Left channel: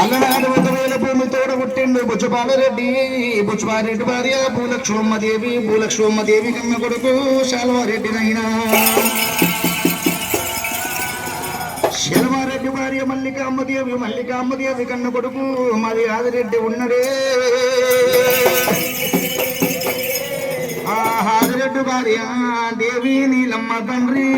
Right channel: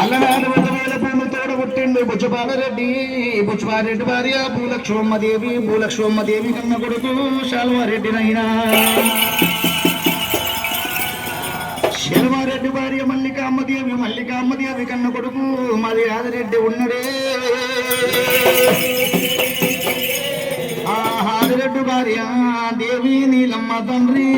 అల్లనాడు 1,000 భూమి తోడగొట్టిండు బుచ్చపాలరెడ్డి. బుచ్చపాలరెడ్డి భార్య భూలక్ష్మమ్మదేవి. భూలక్ష్మమ్మదేవి కన్న కొడుకు శాల్వారెడ్డినైనా. శర్మారెడ్డి భార్య మల్లికామ్మదేవి. మల్లికామ్మదేవి కన్న కొడుకు మరి ఆదిరెడ్డి ఉన్నడే. ఆదిరెడ్డి భార్య దేవి నీలమ్మ తండ్రి.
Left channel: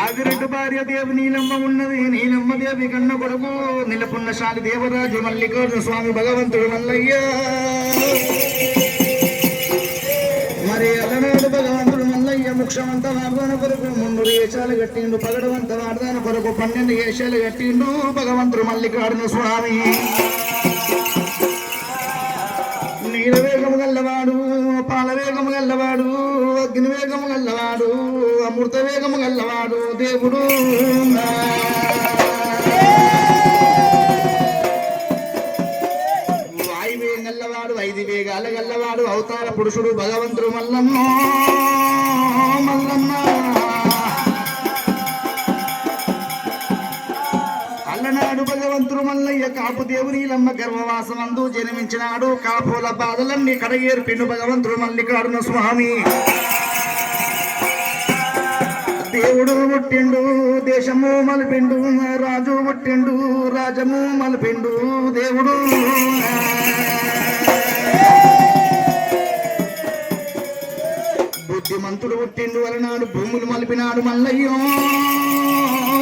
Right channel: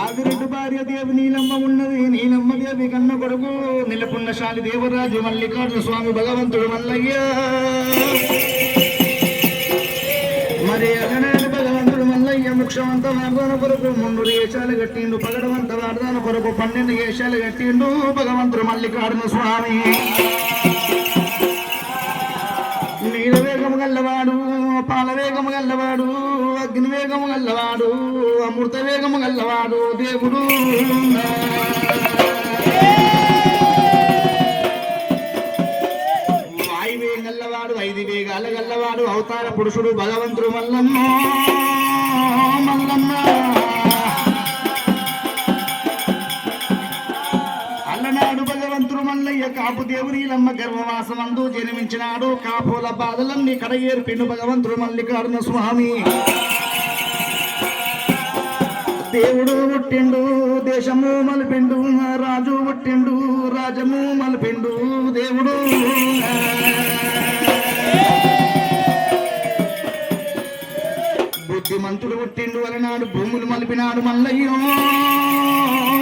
ఆదిరెడ్డి భార్య దేవి నీలమ్మ ఉన్నది. నీలమ్మ దేవి కన్న కొడుకు నిలపున్నశాలి దేవరాజు మల్లికార్జున స్వామి భగవంతుడు మల్లయ్య. మరి అలనాడు భగవంతుడు మల్లయ్య ముక్షవంత మార్గాన కొరకు 3 ఏషాలు కట్టిండు. పగడవంత మార్గాన కొరకు 12 ఏషాలు కట్టిండు భగవంతుడు మల్లికార్జున స్వామి. నీలవేగము గల్లవాడు, పాలవేగము గల్లవాడు, అగ్నివేగము గల్లవాడు, అమృత వేగము గల్లవాడు దేవుడు. వాయువేగం గల్లవాడు, 5 వేగాల గల్లవాడు అవతార పురుషుడు భగవంతుడు మల్లన్న. మల్లన్న అల్లనాడు భగవంతుడు మల్లయ్య కాపు దేవునీలమ్మ గర్భవాసమందు జన్మించినాడు. కాపుల బాధలన్నీ కడయేర్పిండు భగవంతుడు మల్లికార్జున స్వామి. దేవుడు పుట్టిండు దేశము మలిపిండు, రాజు పుట్టిండు రాజము మలిపిండు దేవుడు. బుద్ధిమంతుడు పుట్టిండు అలనాడు భూములు మలిపినాడు మల్లయ్య.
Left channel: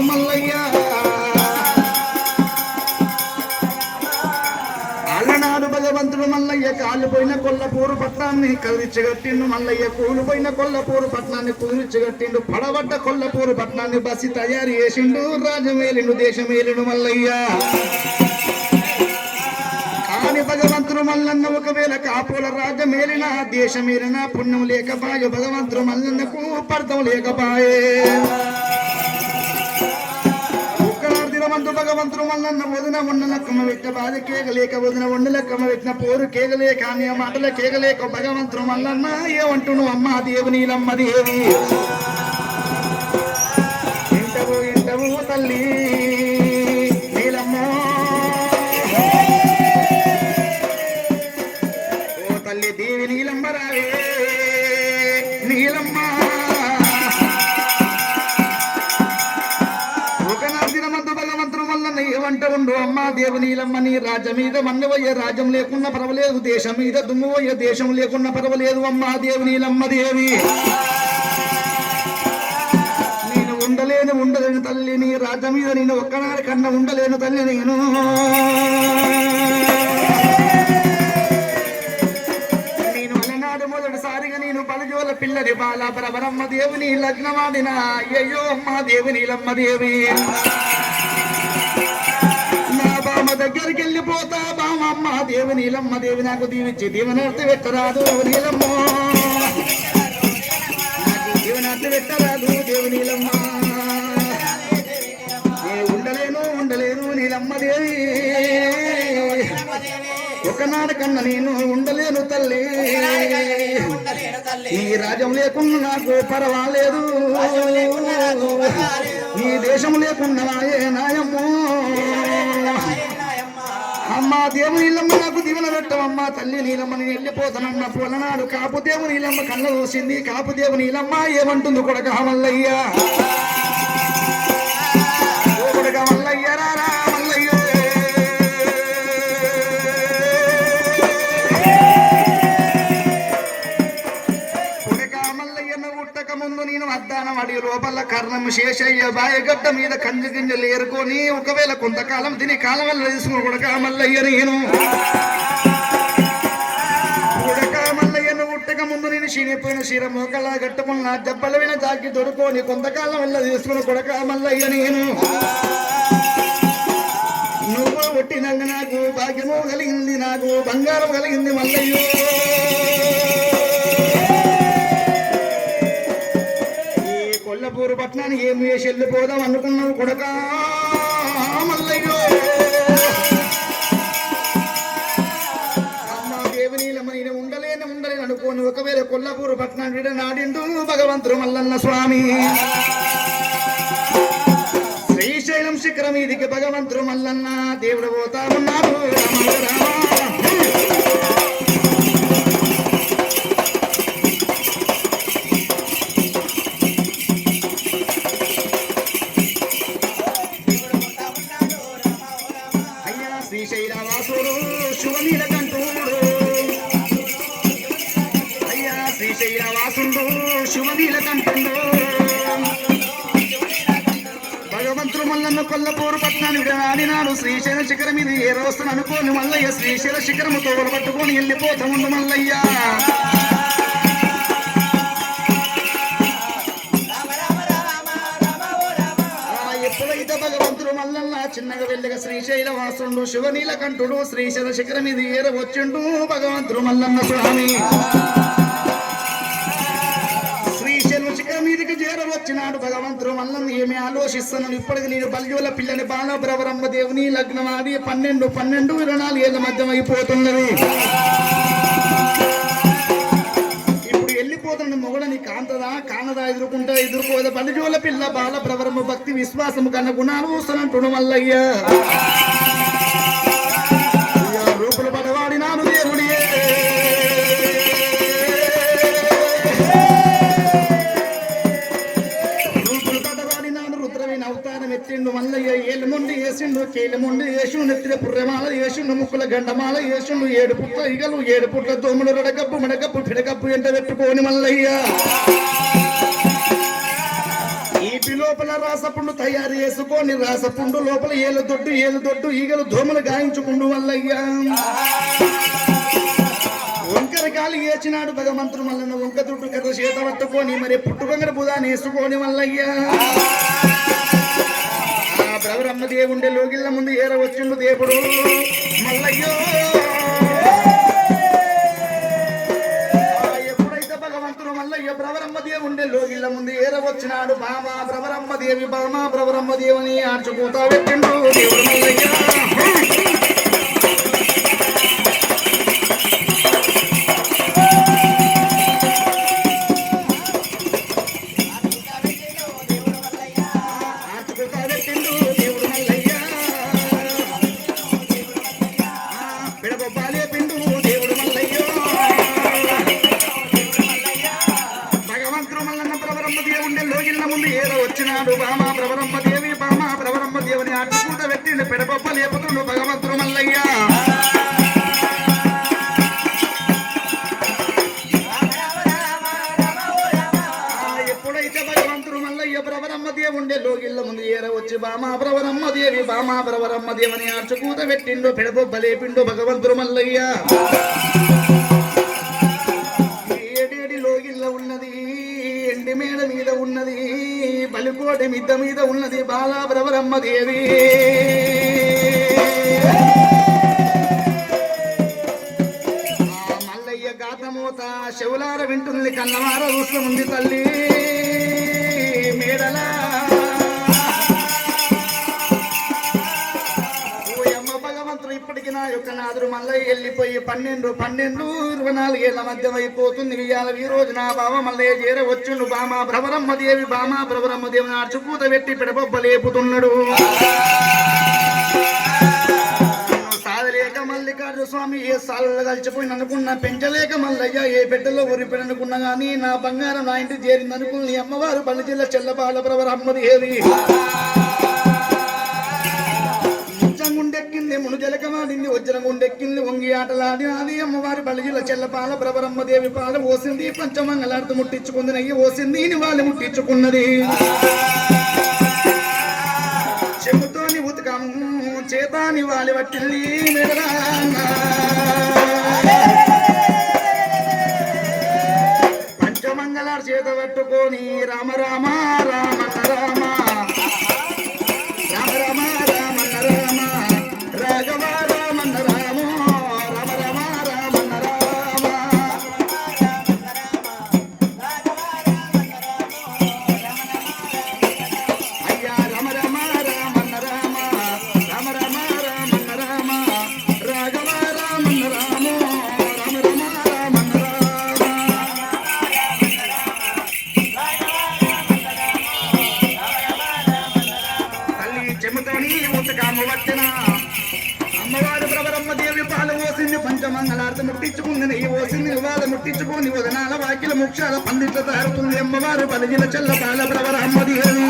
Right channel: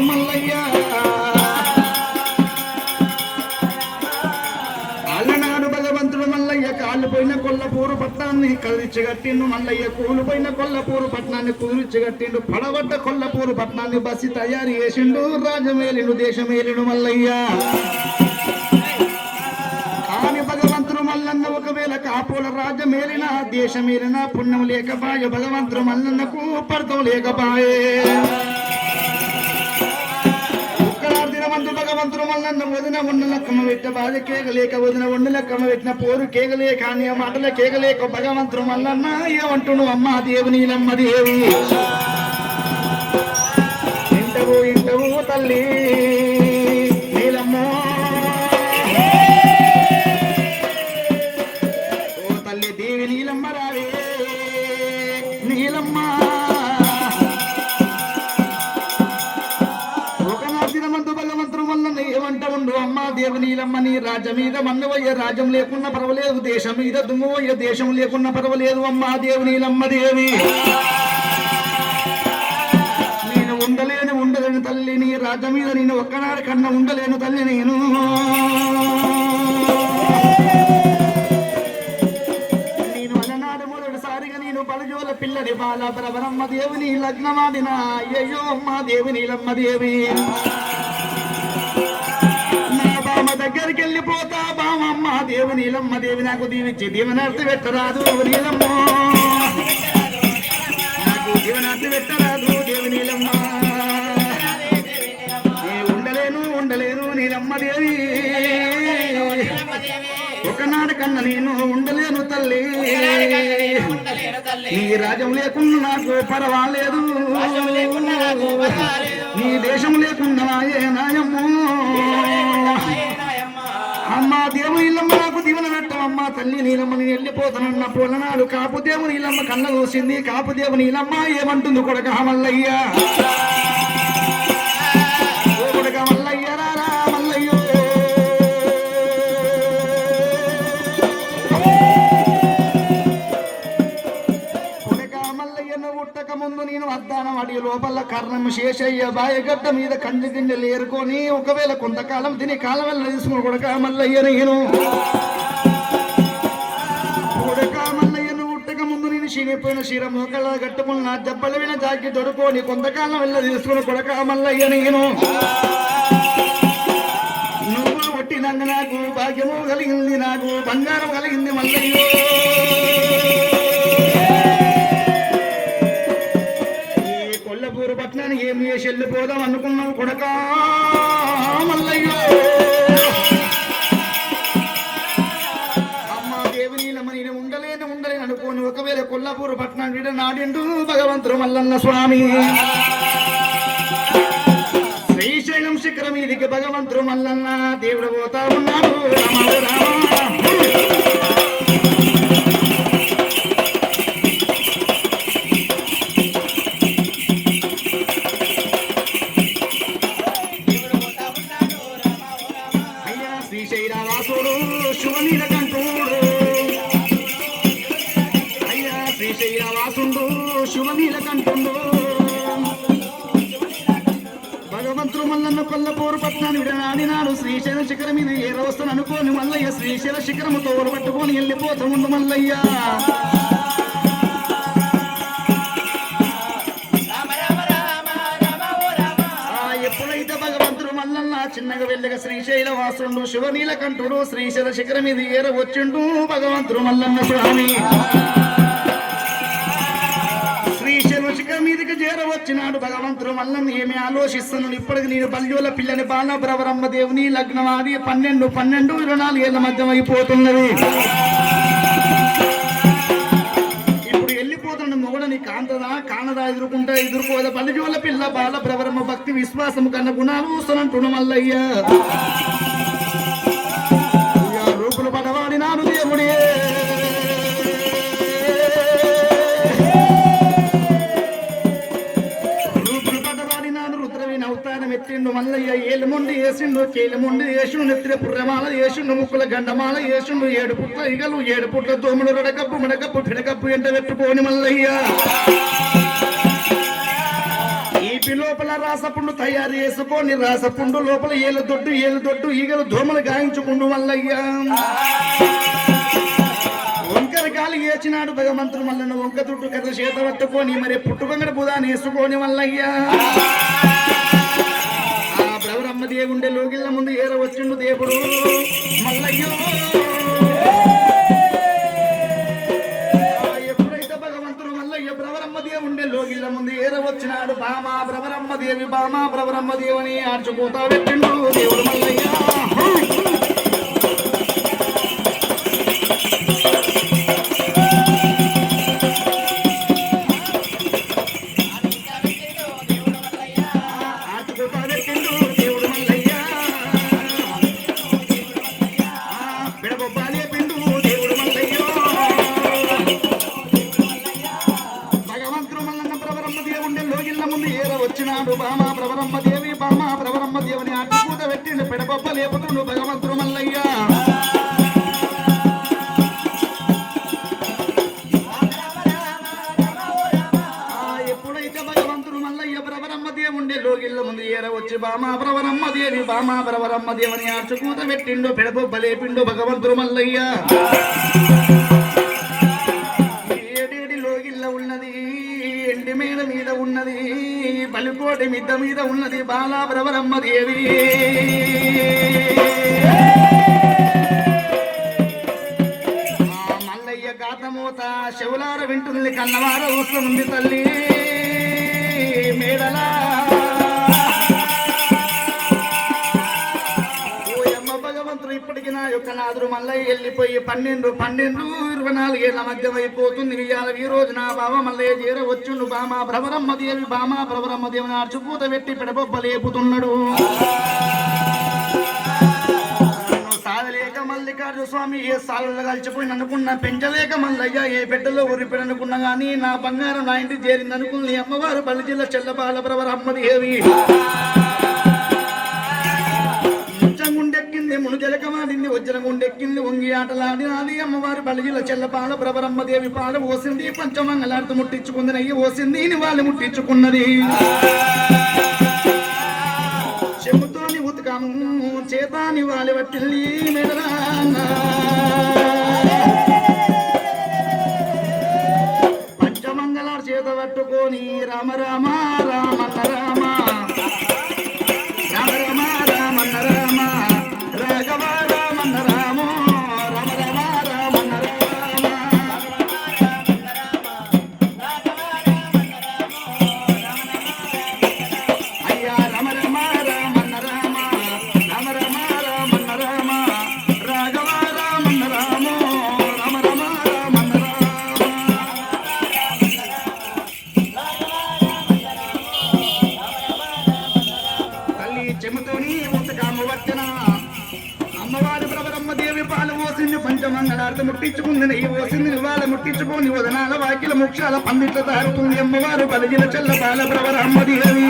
మల్లయ్య అలనాడు భగవంతుడు మల్లయ్య కాలుపోయిన కొల్లపూరు పట్టణాన్ని కదిలిచ్చగట్టిండు. మల్లయ్య కూలిపోయిన కొల్లపూరు పట్టణాన్ని కుదిరిచ్చగట్టిండు. పడబడ్డ కొల్లపూరు పట్టణాన్ని బస్సి తయారు చేసిండు. రాజమేలిండు దేశమేలిండు మల్లయ్య. కాని భగవంతుడు మల్లన్న ఒకవేళ కాపుల రాజమేలిన దేశమేలిన పుణ్యం లేకపాయే. భగవంతుడు మల్లన్నకు పర్థం లేకపాయే. భగవంతుడు మల్లన్న వదిన వండలక్కమ్మ పెట్ట బాధ కేగలేక వదిన వండలక్కమ్మ పెట్టిన పోరు కేగలే కానీ ఆ మాటల కేగలేక భగవంతుడు మల్లన్న ఏమంటును అమ్మ దేవు నీలమ్మ దేవి. ఇంటవు ఇంటవు తల్లి నీలమ్మ. ఓ తల్లి దేవి నీలమ్మ రావే నీలమ్మ. అమ్మా దేవు నీలమ్మ నీ రాజ్యం మీద మన్నవయ్య రాజ్యం లేకున్నా పర్వాలేదు, దేశం మీద దుమ్మువయ్య దేశం లేకున్నా పర్వాలేదు. అమ్మా దేవు నీలమ్మ దేవి నేను ఉండలేను తల్లి. నీ రాజ్యం మీద నేను ఒక్కనాడు కన్నా ఉండలేను తల్లి. నేను అలనాడు మొదటిసారిగా నేను బలజోల పిల్లడి బాల ప్రవరమ్మ దేవుని లగ్నమాడిన అయ్యయ్యో అమ్మా దేవు నీలమ్మ దేవి. దగ్గరికి వెళ్ళిపోతా బామమ్మ దేవు నీలమ్మ దేవి నాకు దీవించి దీవెనర్తి పెట్టరాదు నీలమ్మ. నాకు దీవెనర్తి పెట్టరాదు దేవు నీలమ్మ. ఉండలేను నీలమ్మ దేవి. ఒకనాడు కన్నా నేను ఉండలేను తల్లి. నీ రాజ్యం లేకుండా నాకు పర్వాలేదు, నీ దేశం లేకుండా ఏ నాయము. అమ్మా దేవు నీలమ్మ నాకు దీవెన పెట్టవమ్మా తల్లి నీలమ్మ. నేను వెళ్ళిపోతానన్న పొలనాడు కాపు దేవు నీలమ్మ కళ్ళ చూసింది. కాపు దేవు నీలమ్మ ఏమంటుంది కొడక మల్లయ్య. కొడక మల్లయ్య రారా మల్లయ్య. కొడక మల్లయ్యను ఉట్టక ముందు నేను అద్దానం అడి లోపల కర్ణం శేషయ్య బాయగడ్డ మీద కంజు గింజలు ఏరుకొని ఒకవేళ కొంతకాలం తిని కాలం వల్ల తీసుకుని కొడక మల్లయ్య నేను. కొడక మల్లయ్యను ఉట్టక ముందు నేను చీనిపోయిన చీర మోకలా కట్టుకున్న దెబ్బల విన జాకి దొరుకొని కొంతకాలం వల్ల తీసుకుని కొడక మల్లయ్య నేను. నువ్వు కొట్టినంగ నాకు భాగ్యము కలిగింది, నాకు బంగారం కలిగింది మల్లయ్య. కొల్లపూరు పట్టణానికి ఏమి వేసి వెళ్ళిపోదాం అనుకున్నావు కొడక మల్లయ్యో. అమ్మ దేవి నీలమ్మ నేను ఉండలేను అనుకోని ఒకవేళ కొల్లాపూర్ పట్టణం వీడ నాడిండు భగవంతుడు మల్లన్న స్వామి శ్రీశైలం శిఖరం మీదికి భగవంతుడు మల్లన్న దేవుడు పోతా ఉన్నాడు అయ్యా శ్రీశైలవాసుడు శివనీలకంఠుడు అయ్యా శ్రీశైలవాసుడు శివనీలకంఠుడు భగవంతుడు మల్లన్న కొల్లపూరు పట్టణాన్ని విడనాడినాడు శ్రీశైల శిఖరం మీద ఏ రోజున అనుకోని మల్లయ్య శ్రీశైల శిఖరము తోడు పట్టుకొని వెళ్ళిపోతూ ఉండు మల్లయ్య ఎప్పుడైతే భగవంతుడు మల్లన్న చిన్నగా వెళ్ళగా శ్రీశైల వాసుడు శివనీలకంఠుడు శ్రీశైల శిఖరం మీద ఏర వచ్చిండు భగవంతుడు మల్లన్న స్వామి శిఖరం మీదకి చేరవచ్చినాడు భగవంతుడు మల్లన్న ఏమి ఆలోచిస్తున్నాడు ఇప్పటికి నేను బల్యోల పిల్లని బాలబ్రవరమ్మ దేవుని లగ్నం ఆది 12 ఏళ్ల మధ్య అయిపోతున్నది ఇప్పుడు వెళ్ళిపోతున్న మొగడని కానదా ఎదుర్కోదా బల్యోల పిల్ల బాలబ్రవరమ్మ భక్తి విశ్వాసము కన్న గుణాలు వస్తున్నట్టు మల్లయ్య రూపులు పడవాడినాడు దేవుడే ఎత్తిండు మల్లయ్య ఏలుముండి వేసిండు కేలుముండి వేసిండు నెత్తిన పుర్రమాల వేసిండు ముక్కుల గండమాల వేసిండు 7 పుట్ల ఇగలు 7 పుట్ల దోమలు రడకప్పు మడకప్పు పిడకప్పు ఎంట పెట్టుకోని మల్లయ్య ఈ లోపల రాసపుండు తయారు చేసుకొని రాసపుండు లోపల ఏలు దొడ్డు ఈగలు దోమలు గాయించుకుండు మల్లయ్య వంకర గాలి ఏచినాడు భగవంతుడు మల్లన్న వంక దుడ్డు కథ చేత పట్టుకొని మరి పుట్టుకొంగర బుధాన్ని వేసుకొని మల్లయ్య బ్రవరమ్మ దేవుండే లోగిళ్ళ ముందు ఏర వచ్చిండు దేవుడు మల్లయ్యో ఎప్పుడైతే భగవంతుడు మల్లయ్య బ్రవరమ్మ దేవుండే లోగిళ్ళ ముందు ఏర వచ్చినాడు బామా బ్రవరమ్మ దేవుని ఆడ్చుకోతా పెట్టిండు దేవుడు మల్లయ్య బ్రవరమ్మ దేవుని ఆర్చుకూత పెట్టిండు పెడబొబ్బలేపిండు భగవంతుడు మల్లయ్య ఏడేడి లోగిల్ల ఉన్నది ఎండి మేడ మీద ఉన్నది బలికోటి మిద్ద మీద ఉన్నది బాలా బ్రవరమ్మ దేవి మల్లయ్య గాతమూత శివులార వింటుంది కన్నవార వస్తుంది తల్లి మేడలా ఇప్పటికి నా యొక్క నాదురు మల్లయ్య వెళ్ళిపోయి 12 ఏళ్ల మధ్య అయిపోతుంది ఇవాళ ఈ రోజు నా బావ మల్లయ్య చేర వచ్చిండు బామా బ్రవరమ్మ దేవి అర్చుకూత పెట్టి పిడబొబ్బ లేపుతున్నాడు సాధలేక మల్లికార్జున స్వామి ఏ సాలలో కలిసిపోయి అనుకున్నా పెంచలేక మల్లయ్య ఏ పెట్టలో ఉరిపెడనుకున్నా గానీ నా బంగారం నా ఇంటి చేరింది అనుకుని అమ్మవారు బల్లి జిల్లా చెల్లబాల బ్రవరమ్మ దేవి గుండెక్కింది మును జలకమాడింది వజ్రం గుండెక్కింది వంగి ఆటలాడినాది అమ్మవారి బలిజిల చెల్లపాల బ్రవరమ్మ దేవి పాల ఓసింది పంచమంగళార్తి ముట్టించుకుంది నయ్యి ఓసింది వాళ్ళు ముట్టించుకున్నది చెముతోని ఉతకము చేతాని వాలి పట్టిల్లి పంచమంగళార్ చేత పట్టుకొని రామ రామ రామ రామ భారత ముట్టించుకుంది నెయ్యి పోసింది వాళ్ళ ముట్టించుకొని వదనాల వాకిల ముక్షాల పండిట్ల తారుతుంది అమ్మవారు కలిగిన చెల్ల బాల ప్రవర అమ్మదేవి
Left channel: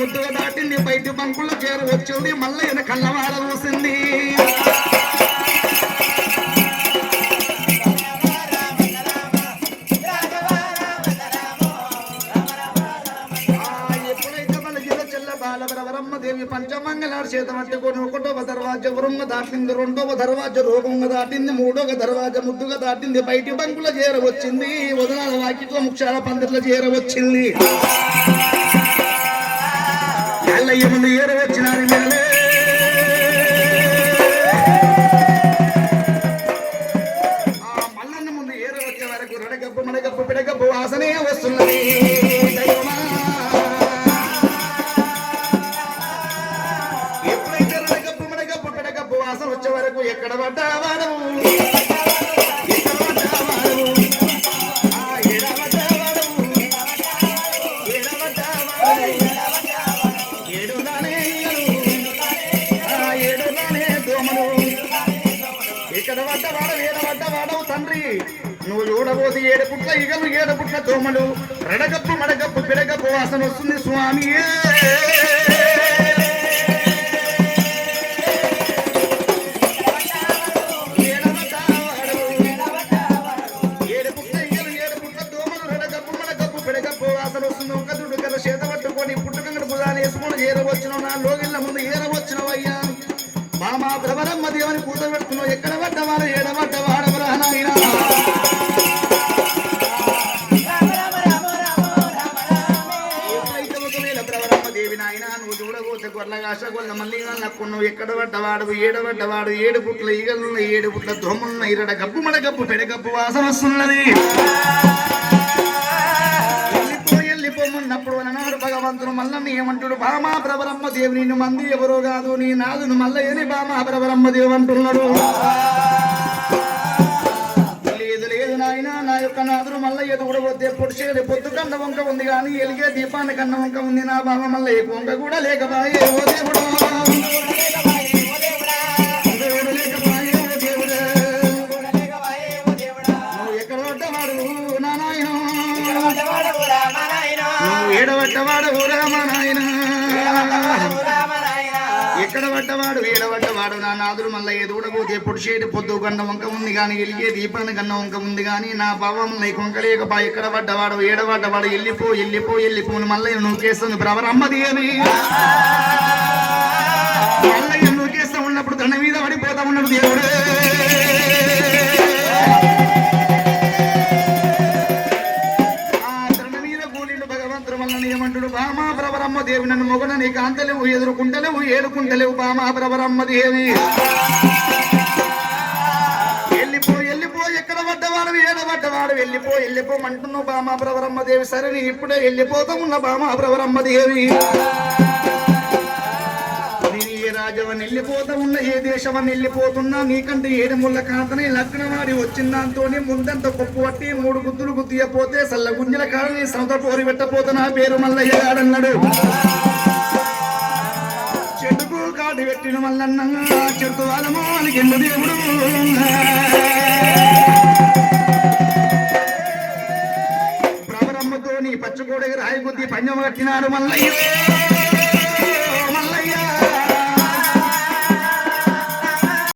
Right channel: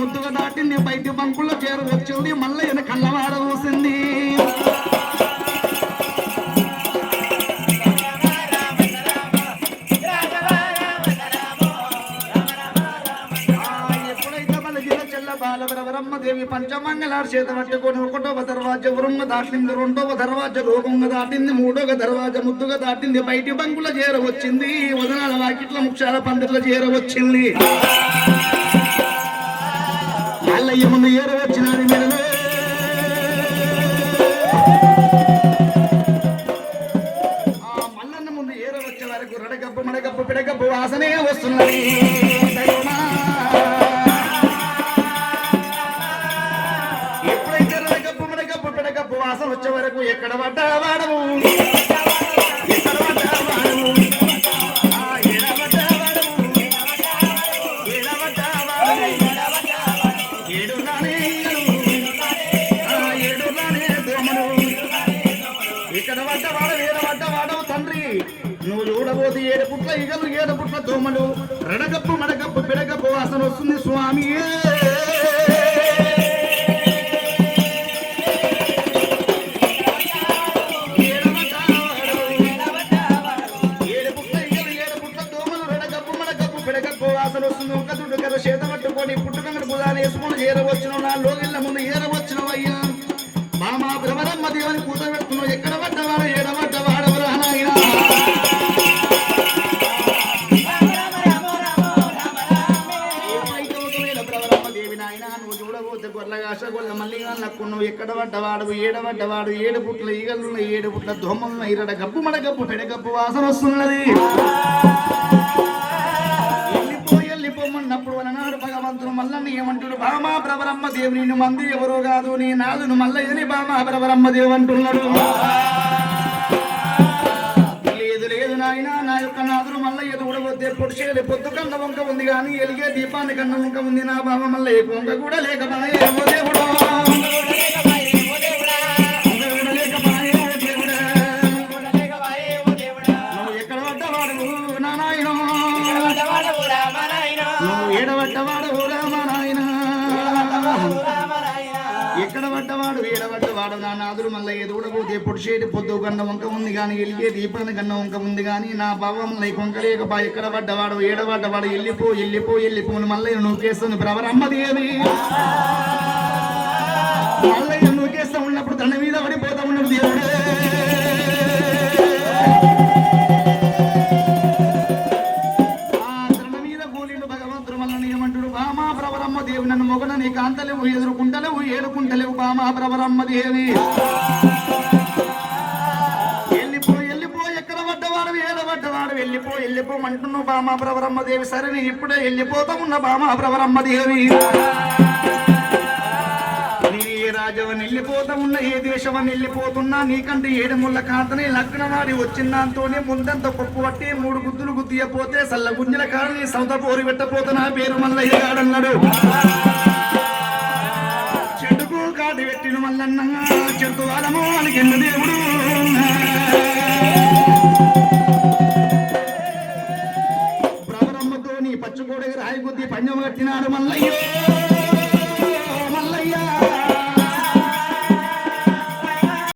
ముద్దుగా దాటింది బయటి బంకుల్లో చేరు వచ్చింది మళ్ళీ ఈయన కళ్ళవార చూసింది ఎప్పుడైతే మన జిల్లా చెల్ల బాలవరమ్మ దేవి పంచమంగళారు చేత పట్టుకొని ఒకటవ దర్వాజ ఉరుంగ దాటింది రెండవ దర్వాజ రూపంగా దాటింది మూడవ దర్వాజ ముద్దుగా దాటింది బయటి బంకుల చేర వచ్చింది వదనాల వాకిట్ల ముక్షాల పందిట్ల చేర వచ్చింది ఎల్లయ్య ముందు ఏరు వచ్చినారు మెడలే ఆ మల్లన్న ముందు ఏరు వచ్చే వరకు రడగబ్బు మడగబ్బు పిడగబ్బు వాసనే వస్తున్నది ఎప్పుడైతే రడగబ్బు మడగబ్బు పిడగబ్బు వాసన వచ్చే వరకు ఎక్కడ పడ్డా వాడవు నువ్వు చూడబోతే 7 పుట్ల ఈగలు 7 పుట్ల దోమలు రడగప్పు మడగప్పు పిడగప్పు వాసన వస్తుంది స్వామి ఏడు పుట్ల దోమలు రడగప్పు మడగప్పు పిడగప్పు వాసన వస్తుంది ఒక దుడ్డు కదా చేత పట్టుకొని పుట్టుకంగడు బుధాన్ని వేసుకుని ఏరవచ్చిన నా లోగిళ్ళ ముందు ఏరవచ్చిన అయ్యా మామా భ్రమరమ్మ దేవుని పూజ పెడుతున్నావు ఎక్కడ పడ్డవాడ ఏడవడ్డ వాడవరా నాయన నువ్వు ఎక్కడ పడ్డవాడు ఏడబడ్డవాడు 7 పుట్ల ఈగలున్న 7 పుట్ల దోమలున్న ఇరడ గబ్బు మడగబ్బు పెడగబ్బు వాసన వస్తున్నది వెళ్ళిపోమున్నప్పుడు అన్నాడు భగవంతుడు మల్లన్న ఏమంటాడు బామా ప్రవరమ్మ దేవుని మంది ఎవరో కాదు నీ నాదును మల్ల ఏని బామా ప్రవరమ్మ దేవు అంటున్నాడు లేదు నాయన నా యొక్క నాదును మల్ల ఎదుగుడబోతే పొడిచేది పొద్దు కన్న వంక ఉంది కానీ ఎలిగే దీపాన్ని కన్న వంక ఉంది నా బామ మల్ల ఏ వంక కూడా లేకపాయే ఓ దేవుడు ఏడవట్టవాడు రామనాయన ఎక్కడ పడ్డవాడు ఏడవట్టవాడు నా నాదులు మళ్ళీ ఎదుగుడబోతే పొడిచేటి పొద్దు కన్న వంక ఉంది కానీ ఎలిగే దీపాన్ని కన్న వంక ఉంది కానీ నా భావం కొంక లేకపా ఎక్కడ పడ్డవాడు ఏడవడ్డవాడు వెళ్ళిపోను మళ్ళీ నువ్వు కేస్తుంది ప్రవరమ్మ దేవి మళ్ళీ నువ్వు కేస్తా ఉన్నప్పుడు తన మీద పడిపోతా ఉన్నాడు దేవుడు దేవి నన్ను మొగన నీ కాంతలేవు ఎదురుకుంటలేవు ఏడుకుంటలేవు బామా ప్రవరమ్మ దేవి వెళ్ళిపో ఎక్కడ పడ్డవాడు ఏడబడ్డవాడు వెళ్ళిపోమంటున్నావు బామా ప్రవరమ్మ దేవి సరే నీ ఇప్పుడే వెళ్ళిపోతా ఉన్న బామా ప్రవరమ్మ దేవి నీ ఏ రాజవని వెళ్ళిపోతా ఉన్న ఏ దేశమని వెళ్ళిపోతున్నా నీకంటే 7 ముళ్ళ కాంతని లగ్నవాడి వచ్చిందాంతోనే ముందంత కొప్పు పట్టి 3 గుద్దులు గుద్దియపోతే సల్ల గుంజల కాడని సౌద పోరి పెట్టపోతే నా పేరు మల్లయ్య గాడన్నాడు చెట్టుకు కాటి పెట్టిన మల్లన్న చెట్టు వారము అని కింద దేవుడు ప్రవరమ్మతో నీ పచ్చకోడి రాయి గుద్ది పంజం కట్టినాడు మల్లయ్య